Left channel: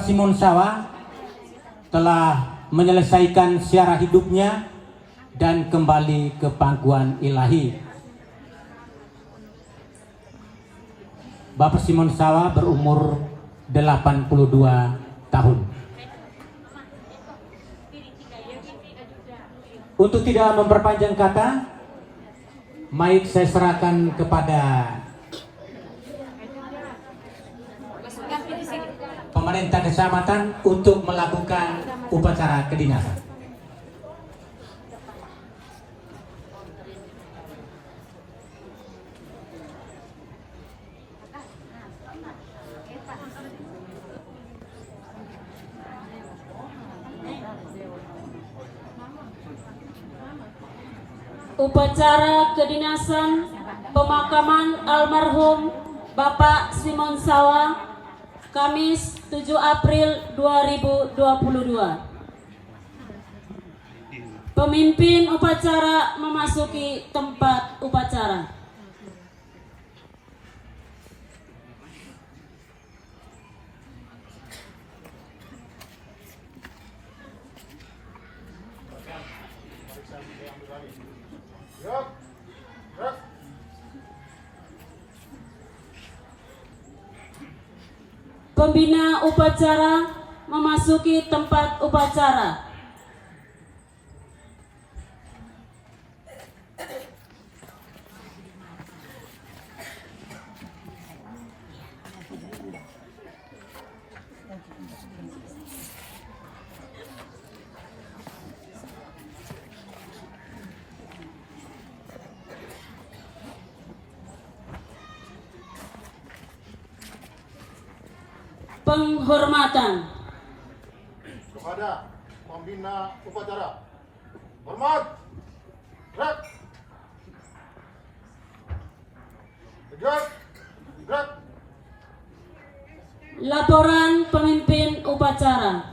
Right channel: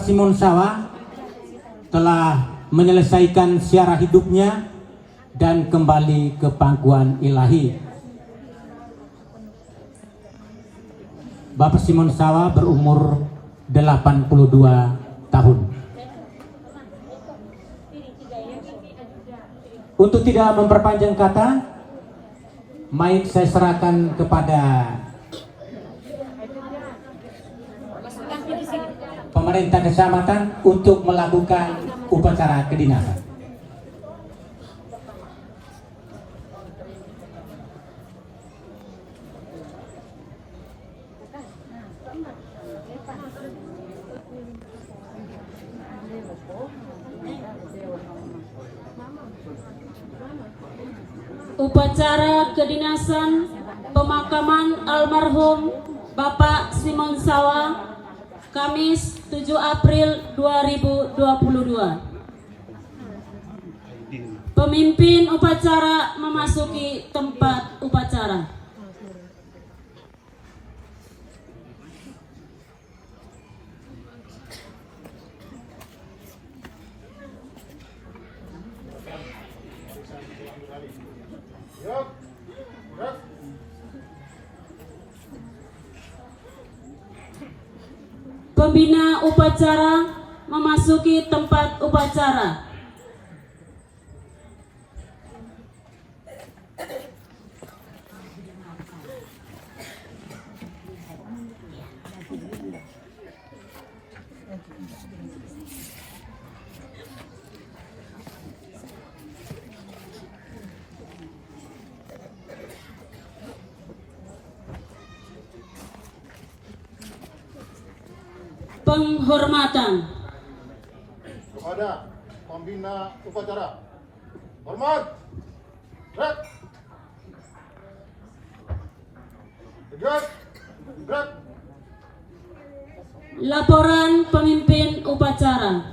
Bapak Simon Sawa telah menyelesaikan siara hidupnya dan kembali ke pangkuan ilahi. Bapak Simon Sawa berumur 82 tahun. Untuk tidak memperpanjang kata, mic saya serahkan kepada pemerintah kecamatan untuk melakukan upacara kedinasan. Upacara kedinasan pemakaman almarhum Bapak Simon Sawa, Kamis 7 April 2022. Pemimpin upacara memasuki tempat upacara. Pembina upacara memasuki tempat upacara. Penghormatan kepada pembina upacara. Hormat. Gerak. Tegak. Gerak. Laporan pemimpin upacara.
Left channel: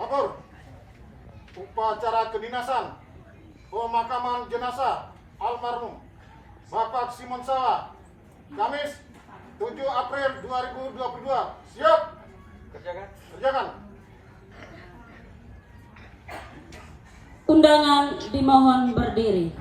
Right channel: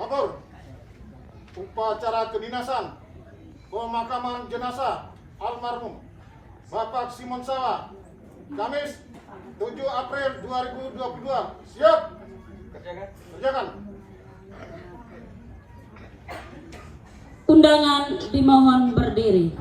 Lapor. Upacara kedinasan pemakaman jenazah almarhum Bapak Simon Sawa, Kamis 7 April 2022. Siap. Kerjakan. Undangan dimohon berdiri.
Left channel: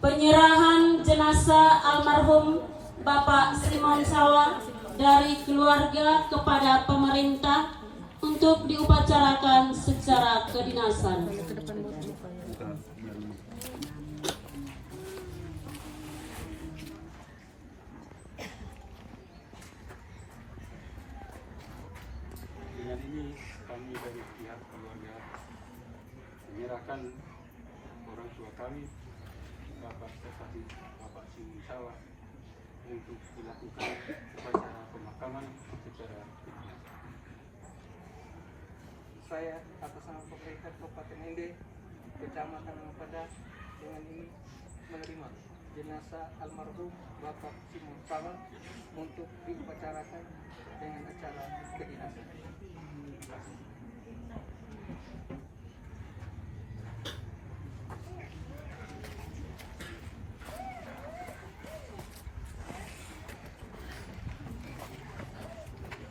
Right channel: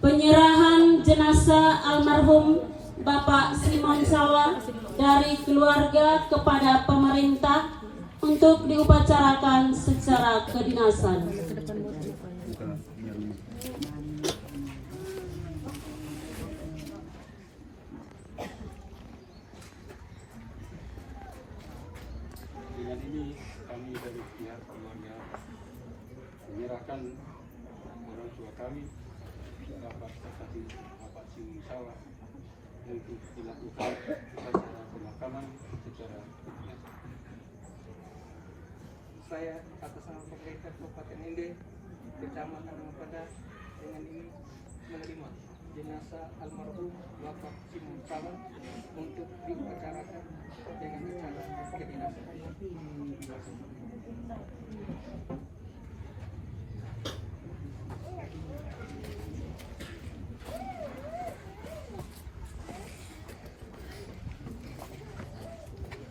Penyerahan jenazah almarhum Bapak Simon Sawa dari keluarga kepada pemerintah untuk diupacarakan secara kedinasan. Dengan ini kami dari pihak keluarga menyerahkan orang tua kami, Bapak Serkasi Bapak Simon Sawa, untuk dilakukan upacara pemakaman secara kedinasan. Saya atas nama pemerintah Kabupaten Ende, Kecamatan Ampada, dengan ini menerima jenazah almarhum Bapak Simon Sawa untuk diupacarakan dengan acara kedinasan.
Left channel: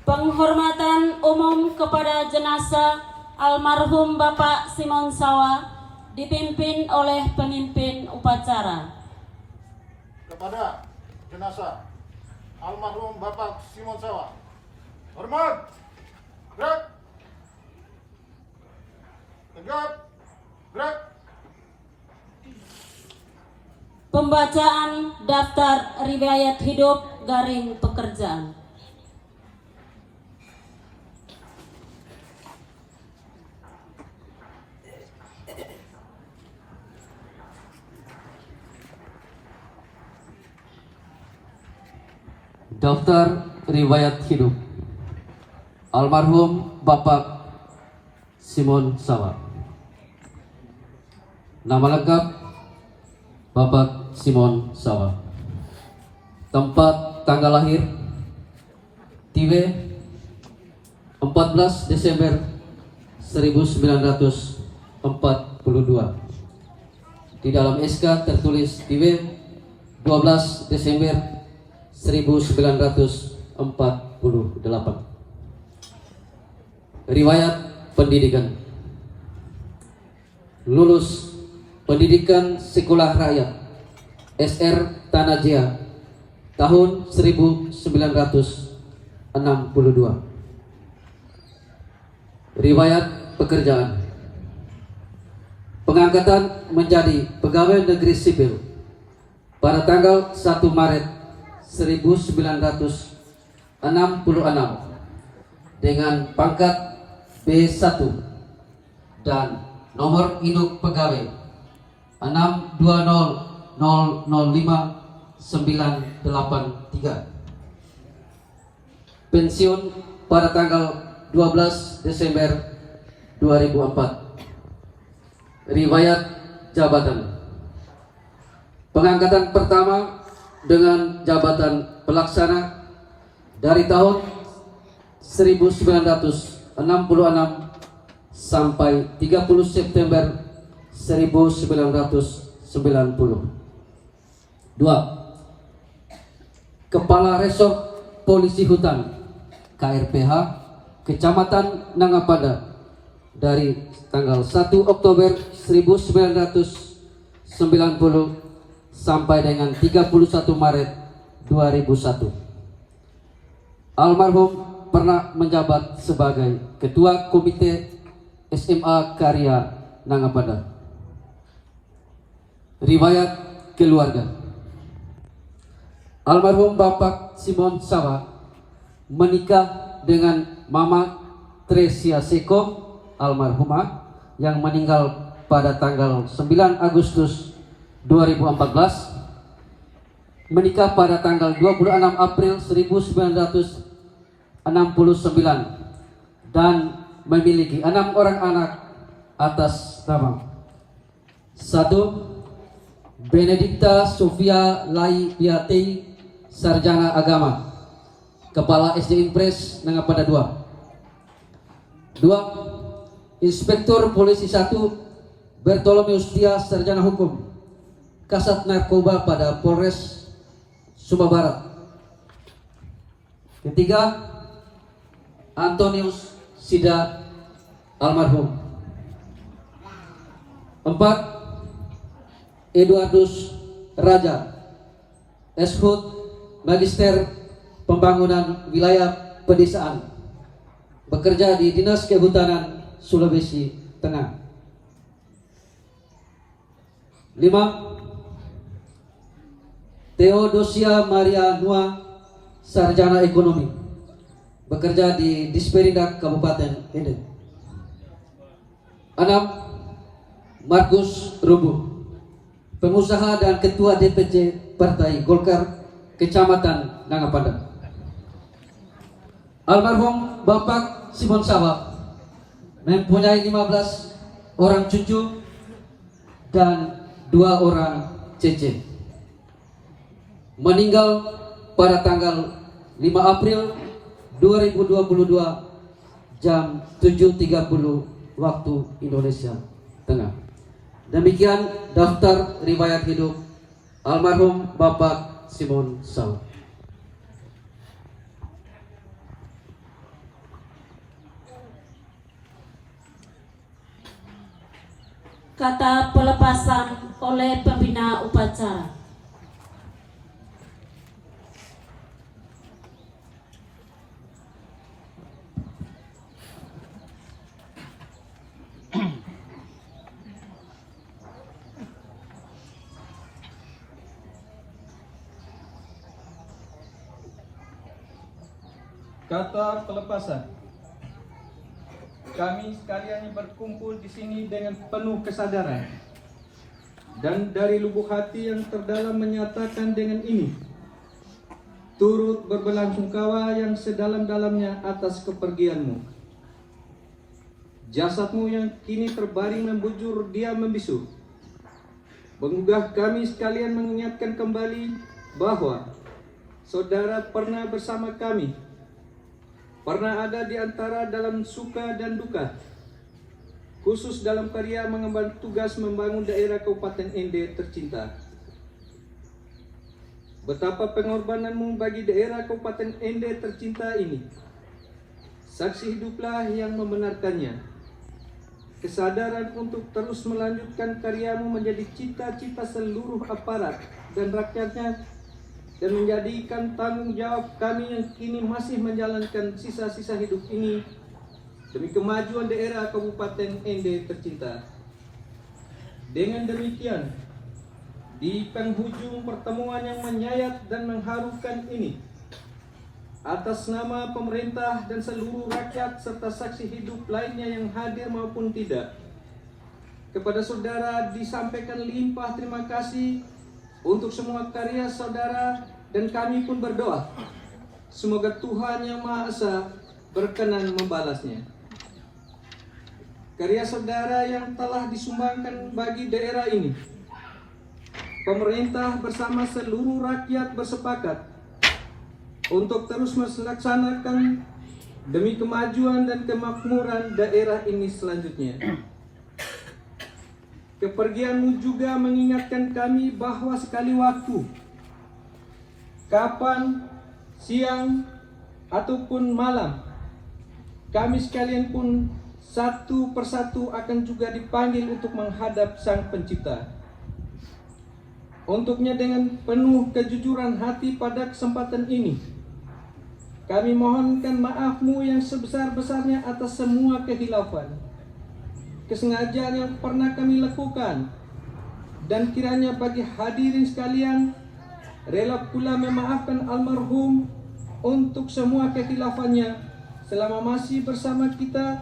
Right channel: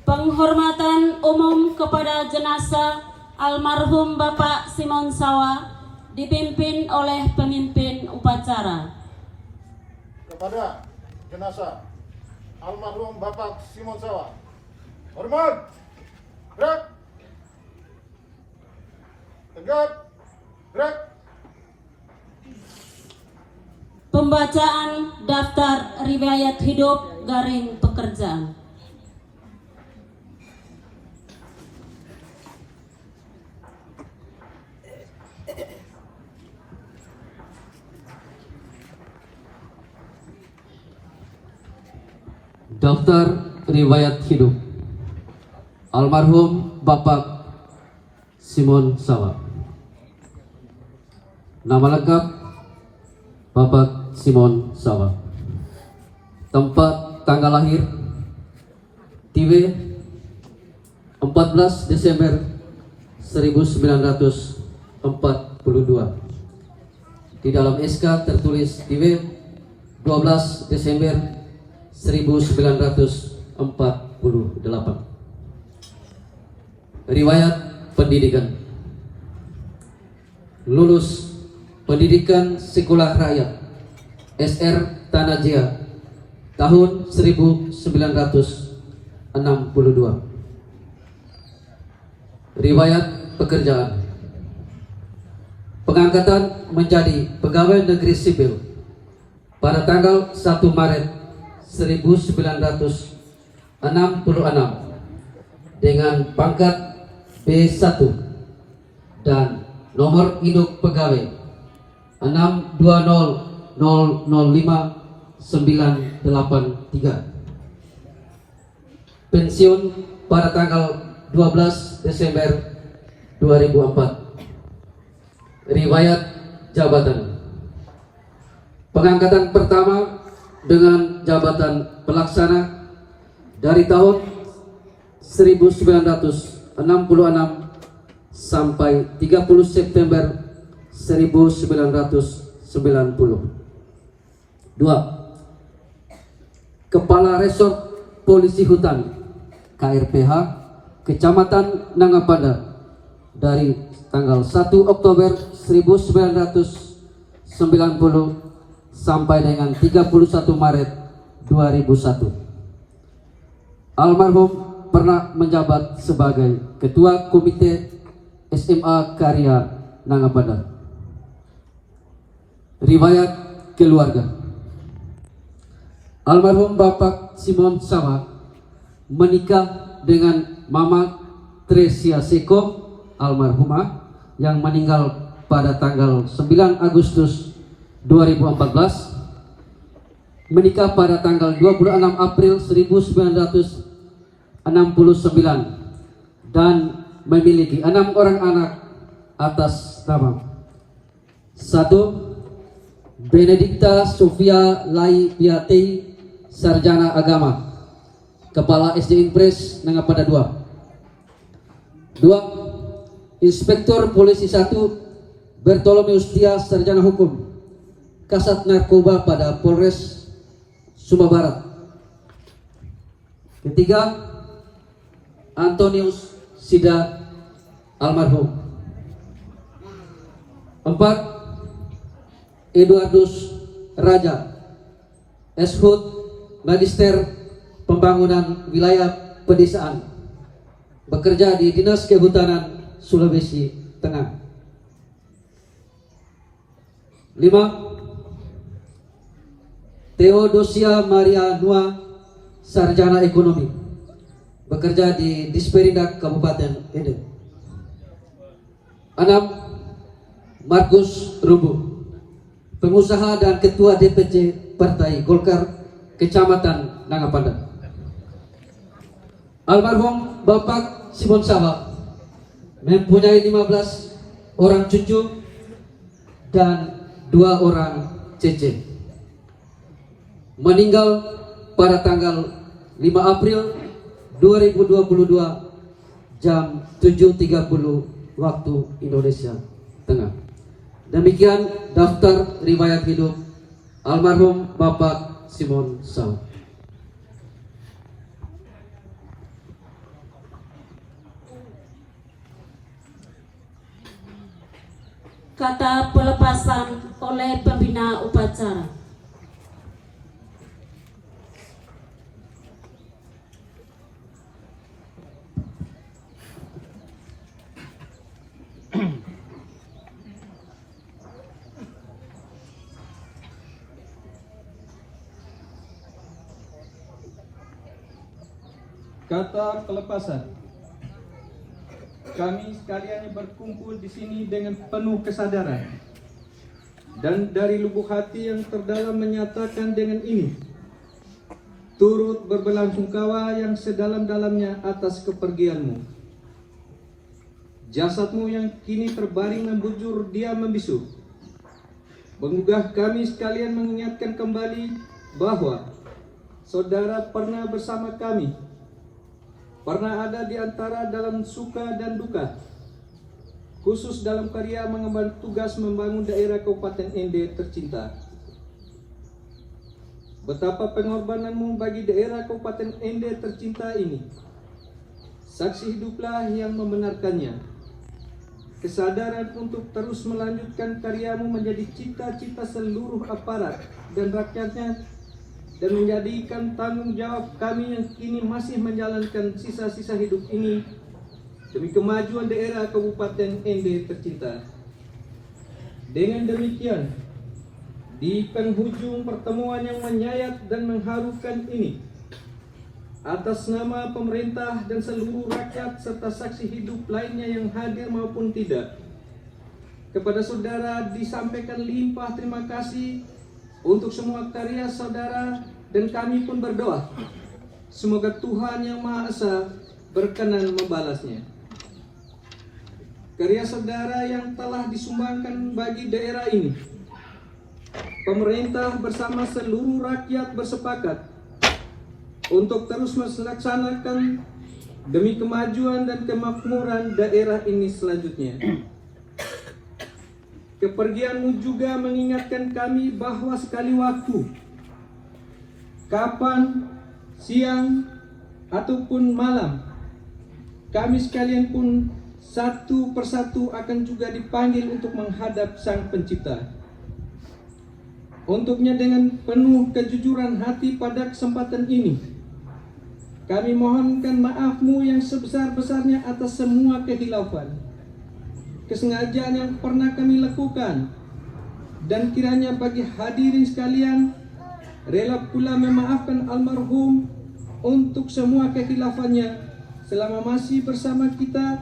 Penghormatan umum kepada jenazah almarhum Bapak Simon Sawa dipimpin oleh pemimpin upacara. Kepada jenazah almarhum Bapak Simon Sawa. Hormat. Gerak. Tegak. Gerak. Pembacaan daftar riwayat hidup garing pekerjaan. Daftar riwayat hidup almarhum Bapak Simon Sawa. Nama lengkap Bapak Simon Sawa. Tempat tanggal lahir Tiwe 14 Desember 1942. Di dalam SK tertulis Tiwe 12 Desember 1948. Riwayat pendidikan. Lulus Pendidikan Sekolah Rakyat SR Tanah Jaya tahun 1962. Riwayat pekerjaan. Pengangkatan menjadi pegawai negeri sipil pada tanggal 1 Maret 1966 dengan pangkat B1 dan nomor induk pegawai 62000593. Pensiun pada tanggal 12 Desember 2004. Riwayat jabatan. Pengangkatan pertama dengan jabatan pelaksana dari tahun 1966 sampai 30 September 1990. 2. Kepala Resort Polisi Hutan KRPH Kecamatan Nangapada dari tanggal 1 Oktober 1990 sampai dengan 31 Maret 2001. Almarhum pernah menjabat sebagai Ketua Komite SMA Karya Nangapada. Riwayat keluarga. Almarhum Bapak Simon Sawa menikah dengan Mama Tresia Seko almarhumah yang meninggal pada tanggal 9 Agustus 2014, menikah pada tanggal 26 April 1969 dan memiliki 6 orang anak atas nama 1. Benedikta Sofia Laipiati, Sarjana Agama, Kepala SD Impres Nangapada 2. 2. Inspektur Polisi 1 Bertolomeus Tia, Sarjana Hukum, Kasat Narkoba pada Polres Sumba Barat. 3. Antonius Sida almarhum. 4. Eduardus Raja, Eshut, Magister Pembangunan Wilayah Pedesaan, bekerja di Dinas Kehutanan Sulawesi Tengah. 5. Theodosia Maria Nua, Sarjana Ekonomi, bekerja di Disperindak Kabupaten Ede. 6. Markus Rubu, pengusaha dan Ketua DPC Partai Golkar Kecamatan Nangapada. Almarhum Bapak Simon Sawa mempunyai 15 orang cucu dan 2 orang cece. Meninggal pada tanggal 5 April 2022 jam 7.30 waktu Indonesia Tengah. Demikian daftar riwayat hidup almarhum Bapak Simon Sawa. Kata pelepasan oleh pembina upacara. Kata pelepasan. Kami sekalian berkumpul di sini dengan penuh kesadaran dan dari lubuk hati yang terdalam menyatakan dengan ini turut berbelasungkawa yang sedalam-dalamnya atas kepergianmu. Jasadmu yang kini terbaring membujur diam membisu menggugah kami sekalian mengingatkan kembali bahwa saudara pernah bersama kami, pernah ada di antara dalam suka dan duka, khusus dalam karya mengemban tugas membangun daerah Kabupaten Ende tercinta. Betapa pengorbananmu bagi daerah Kabupaten Ende tercinta ini. Saksi hiduplah yang membenarkannya. Kesadaran untuk terus melanjutkan karyamu menjadi cita-cita seluruh aparat dan rakyatnya, dan menjadikan tanggung jawab kami yang kini masih menjalankan sisa-sisa hidup ini demi kemajuan daerah Kabupaten Ende tercinta. Dengan demikian, di penghujung pertemuan yang menyayat dan mengharukan ini, atas nama pemerintah dan seluruh rakyat serta saksi hidup lainnya yang hadir maupun tidak, kepada saudara disampaikan limpah terima kasih untuk semua karya saudara, dan kami pun berdoa semoga Tuhan Yang Maha Esa berkenan membalasnya. Karya saudara yang telah disumbangkan bagi daerah ini, pemerintah bersama seluruh rakyat bersepakat untuk terus melaksanakan demi kemajuan dan kemakmuran daerah ini selanjutnya. Kepergianmu juga mengingatkan kami bahwa sekali waktu, kapan, siang, ataupun malam, kami sekalian pun satu persatu akan juga dipanggil untuk menghadap Sang Pencipta. Untuknya dengan penuh kejujuran hati pada kesempatan ini, kami mohonkan maaf-Mu yang sebesar-besarnya atas semua kehilafan, kesengajaan yang pernah kami lakukan, dan kiranya bagi hadirin sekalian rela pula memaafkan almarhum untuk semua kehilafannya selama masih bersama kita,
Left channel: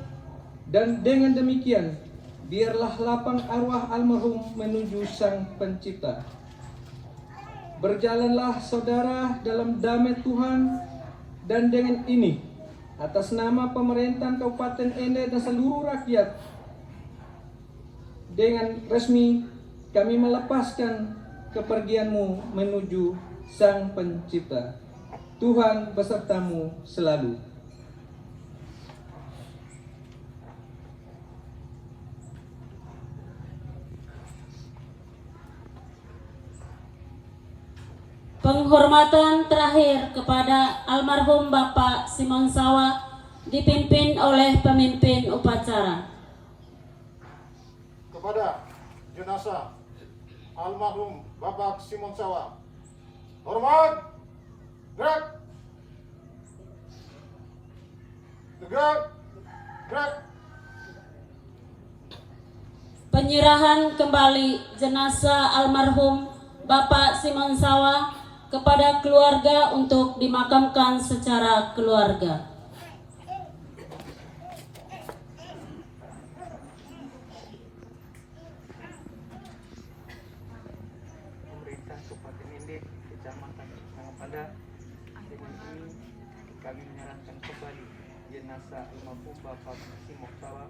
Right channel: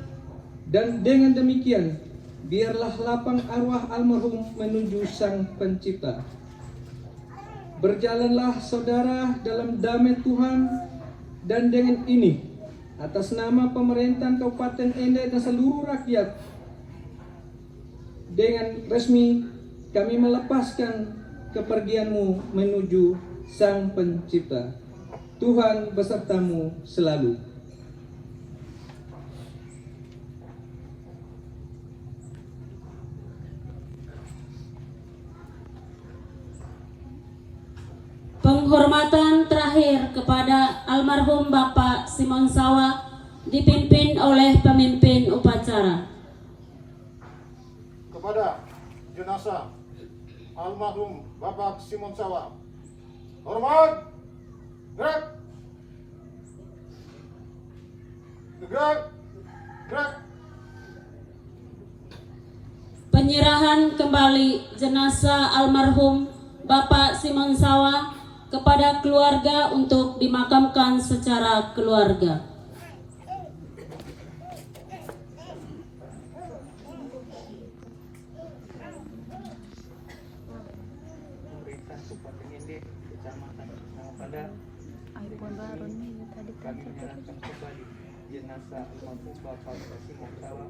dan dengan demikian biarlah lapang arwah almarhum menuju Sang Pencipta. Berjalanlah saudara dalam damai Tuhan, dan dengan ini atas nama pemerintahan Kabupaten Ende dan seluruh rakyat, dengan resmi kami melepaskan kepergianmu menuju Sang Pencipta. Tuhan besertamu selalu. Penghormatan terakhir kepada almarhum Bapak Simon Sawa dipimpin oleh pemimpin upacara. Kepada jenazah almarhum Bapak Simon Sawa, hormat, gerak, tegak, gerak. Penyerahan kembali jenazah almarhum Bapak Simon Sawa kepada keluarga untuk dimakamkan secara keluarga. Pemerintah Kabupaten Ende, Kecamatan Nangapanda, kami menyerahkan kembali jenazah almarhum Bapak Simon Sawa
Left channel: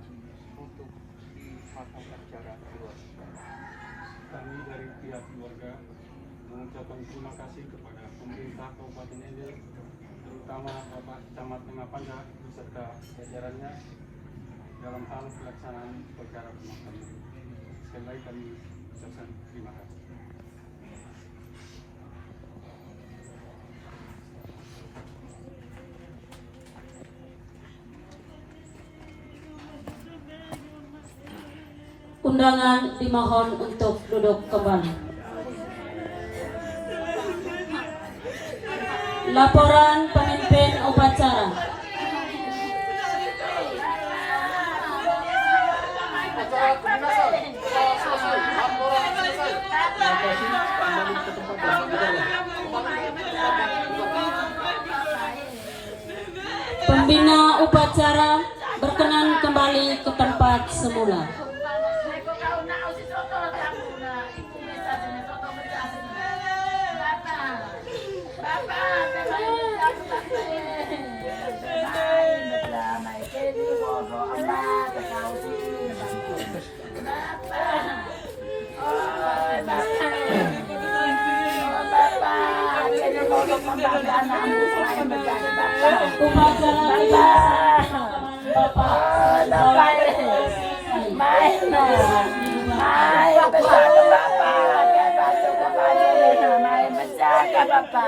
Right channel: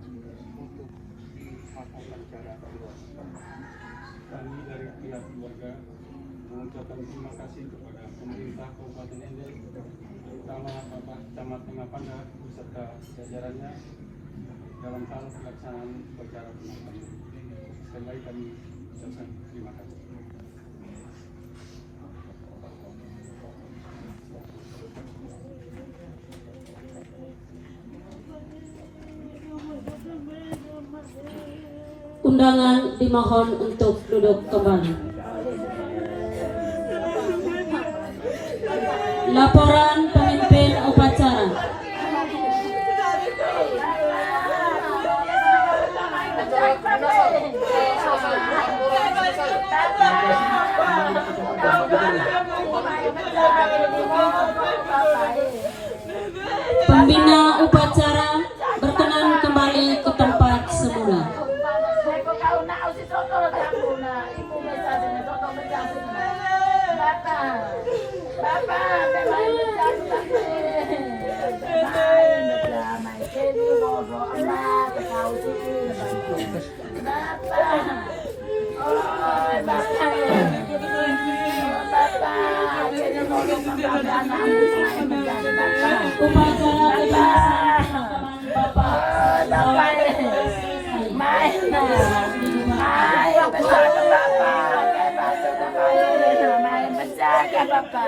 untuk dimakamkan secara keluarga. Kami dari pihak keluarga mengucapkan terima kasih kepada pemerintah Kabupaten Ende, terutama Bapak Camat Nangapanda beserta jajarannya dalam hal pelaksanaan upacara pemakaman. Sekali lagi kami ucapkan terima kasih. Undangan dimohon untuk duduk kembali. Laporan pemimpin upacara. Acara kedinasan telah selesai. Laporan selesai. Pembina upacara berkenan kembali ke tempat semula. Upacara kedinasan pemakaman Bapak Bapak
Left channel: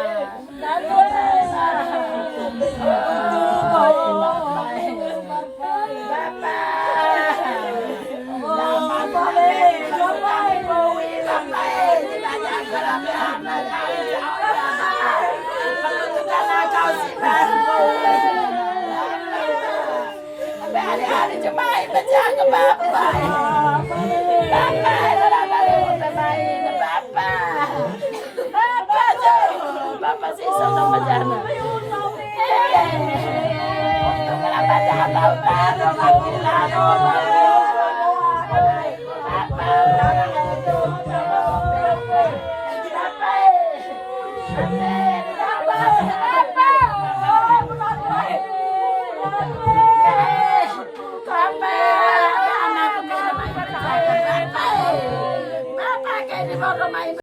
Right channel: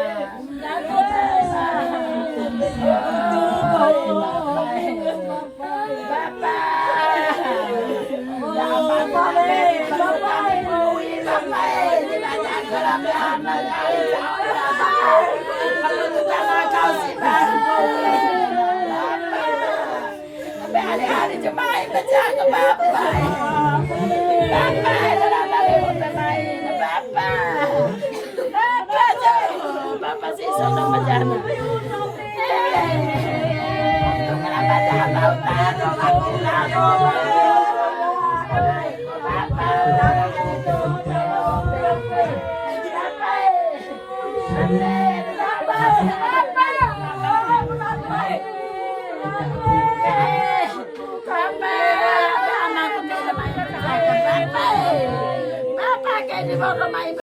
kayak di bawah main